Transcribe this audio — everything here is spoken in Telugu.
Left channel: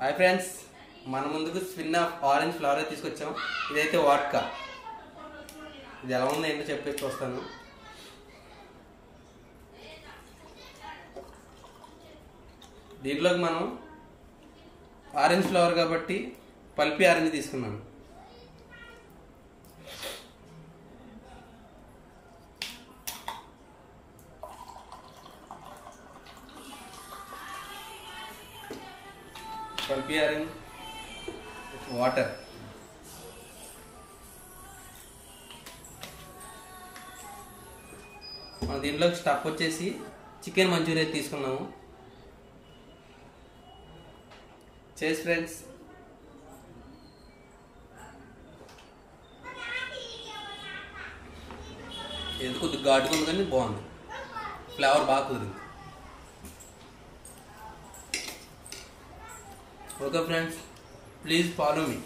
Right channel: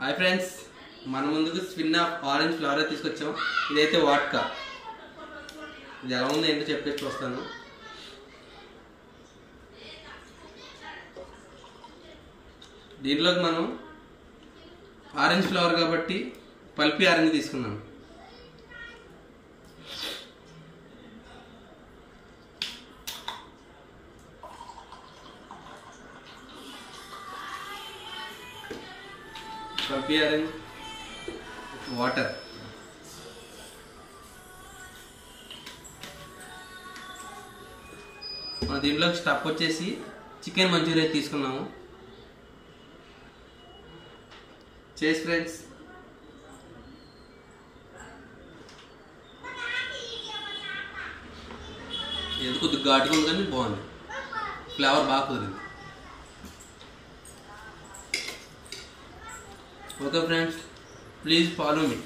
హాయ్ ఫ్రెండ్స్, మన ముందుకు స్పిన్ ఆఫ్ ఆరెంజ్ ఫ్లవర్ తీసుకొచ్చాం. ఇదైతే వాట్కా. ఇది ఎలా ఉందో ఏంటో చెప్పేసి వస్తాను. దీంట్లోకి మనం ఆరెంజ్ ఫ్లవర్ కాబట్టి పల్పి ఆరెంజ్ తీసుకున్నాను. పల్పి ఆరెంజ్, వాటర్, మన దీంట్లో స్టఫ్ వచ్చేసి చికెన్ మంచూరియా తీసుకున్నాము. చేసి ఫ్రెండ్స్, ఎందుకు కొద్దిగా ఘాటుగా ఉంది కానీ బాగుంది, ఫ్లేవర్ బాగా కుదిరింది. Okay friends, please follow me.